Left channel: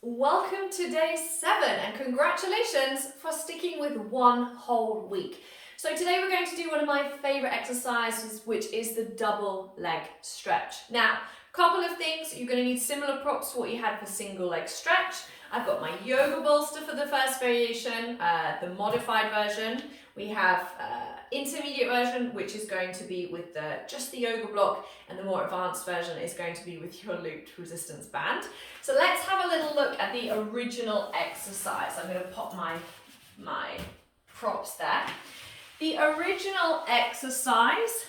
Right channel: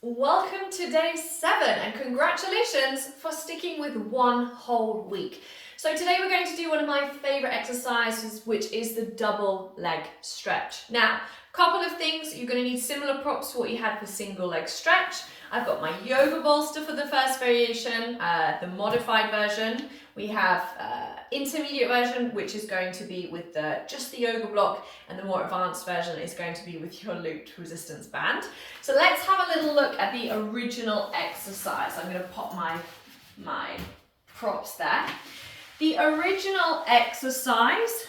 Welcome to day 7 and congratulations for sticking with one whole week. So today we're going to do one of my favorite exercises, which is the double leg stretch. Now, a couple of things, you're going to need similar props to what you had for single leg stretch. I've got my yoga bolster for the first variation, the modified version. We have intermediate version, which is going to be with just the yoga block, and the more advanced version is going to be with your looped resistance band. So let's have a little look at the original exercise. I'm going to pop my props there. The original exercise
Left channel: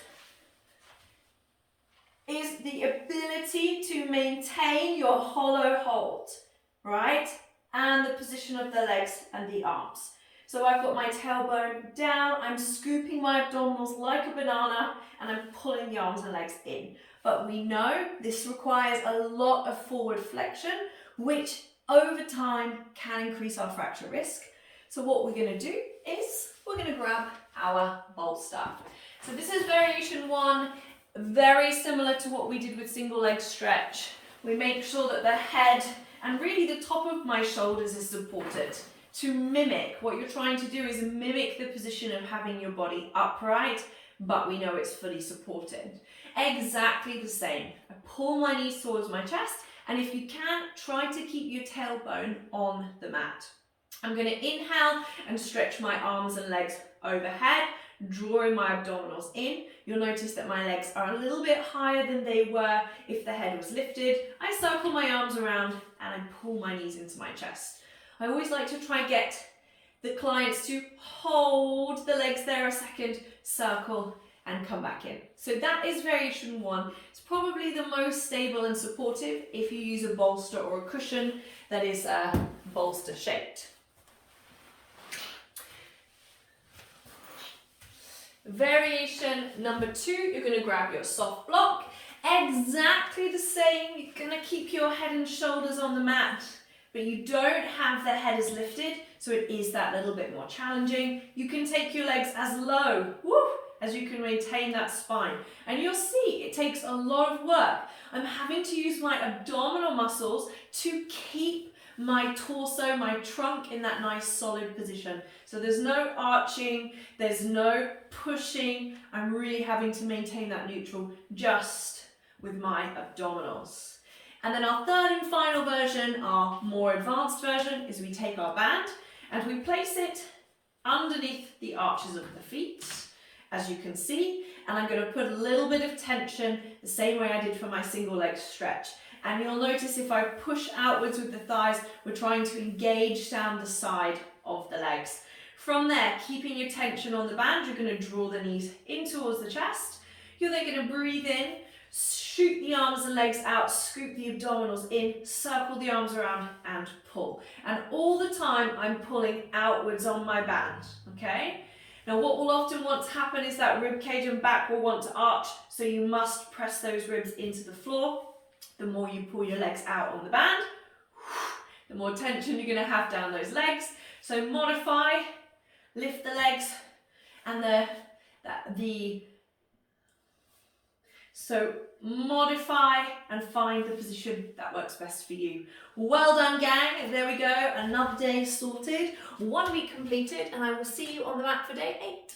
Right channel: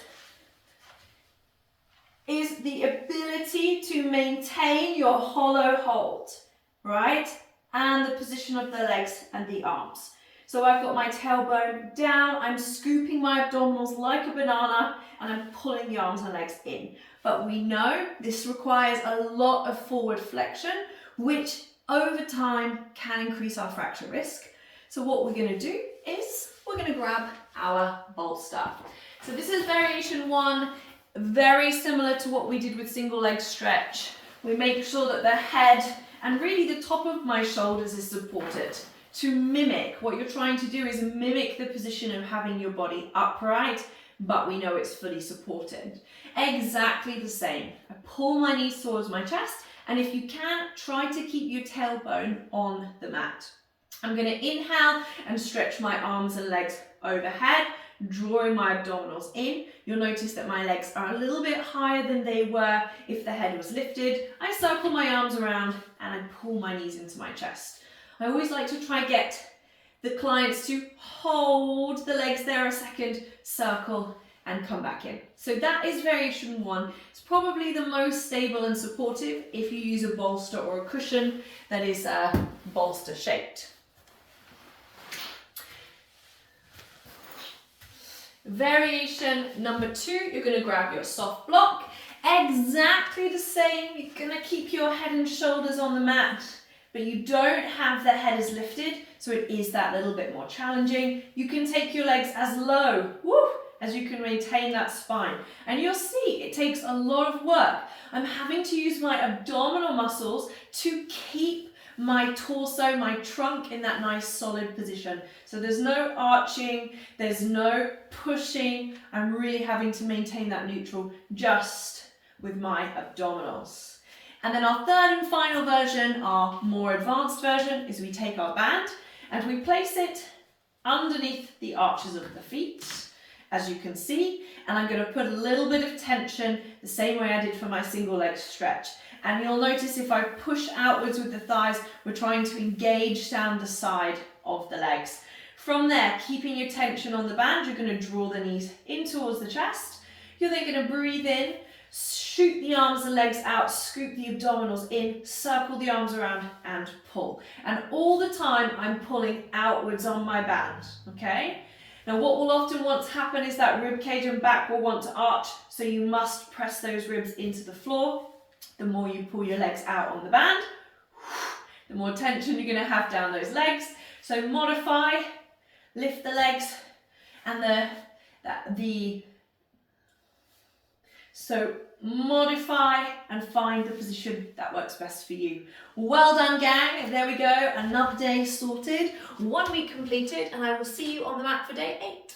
is the ability to maintain your hollow hold, right? And the position of the legs and the arms. So I've got my tailbone down, I'm scooping my abdominals like a banana, and I'm pulling the arms and legs in. But we know this requires a lot of forward flexion, which over time can increase our fracture risk. So what we're going to do is we're going to grab our bolster. So this is variation 1, very similar to what we did with single leg stretch. We make sure that the head and really the top of my shoulders is supported. To mimic, what you're trying to do is mimic the position of having your body upright, but we know it's fully supported. Exactly the same. I pull my knees towards my chest, and if you can, try to keep your tailbone on the mat. I'm going to inhale and stretch my arms and legs overhead, drawing my abdominals in. You'll notice that my legs are a little bit higher than they were if the head was lifted. I circle my arms around and I pull my knees into my chest. I always like to try and get the clients to hold the legs there a second, circle and come back in. So that is variation 1. It's probably the most stable and supportive if you use a bolster or a cushion that is bolster shaped. Variation number 2, you're going to grab your soft block. Exactly the same, you're going to keep your head and shoulders on the mat, but you don't have the head as lifted, so it is that little bit more challenging. You can take your legs as low, as you can maintain that spine. And you'll see it takes a lot of work. I'm having to use my abdominal muscles to keep my torso, my trunk in that nice solid position. So there's no arching, there's no pushing. I'm really having to maintain that neutral just with my abdominals. And then our third and final version, our more advanced version, is we take our band and we place it underneath the arches of the feet, as you can see, and I'm going to put a little bit of tension the same way I did for my single leg stretch. And you'll notice if I push outwards with the thighs, we're trying to engage down the side of the legs. From there, keeping your tension on the band, you're going to draw the knees in towards the chest. You're then going to breathe in, shoot the arms and legs out, scoop the abdominals in, circle the arms around and pull. And all the time I'm pulling outwards on my band, okay? Now what will often want to happen is that rib cage and back will want to arch, so you must press those ribs into the floor. The more you pull your legs out on the band, the more tension you're going to have down those legs. So modify, lift the legs, and so modify and find the position that works best for you. Well done, gang. There we go. Another day sorted, 1 week completed, and I will see you on the mat for day 8.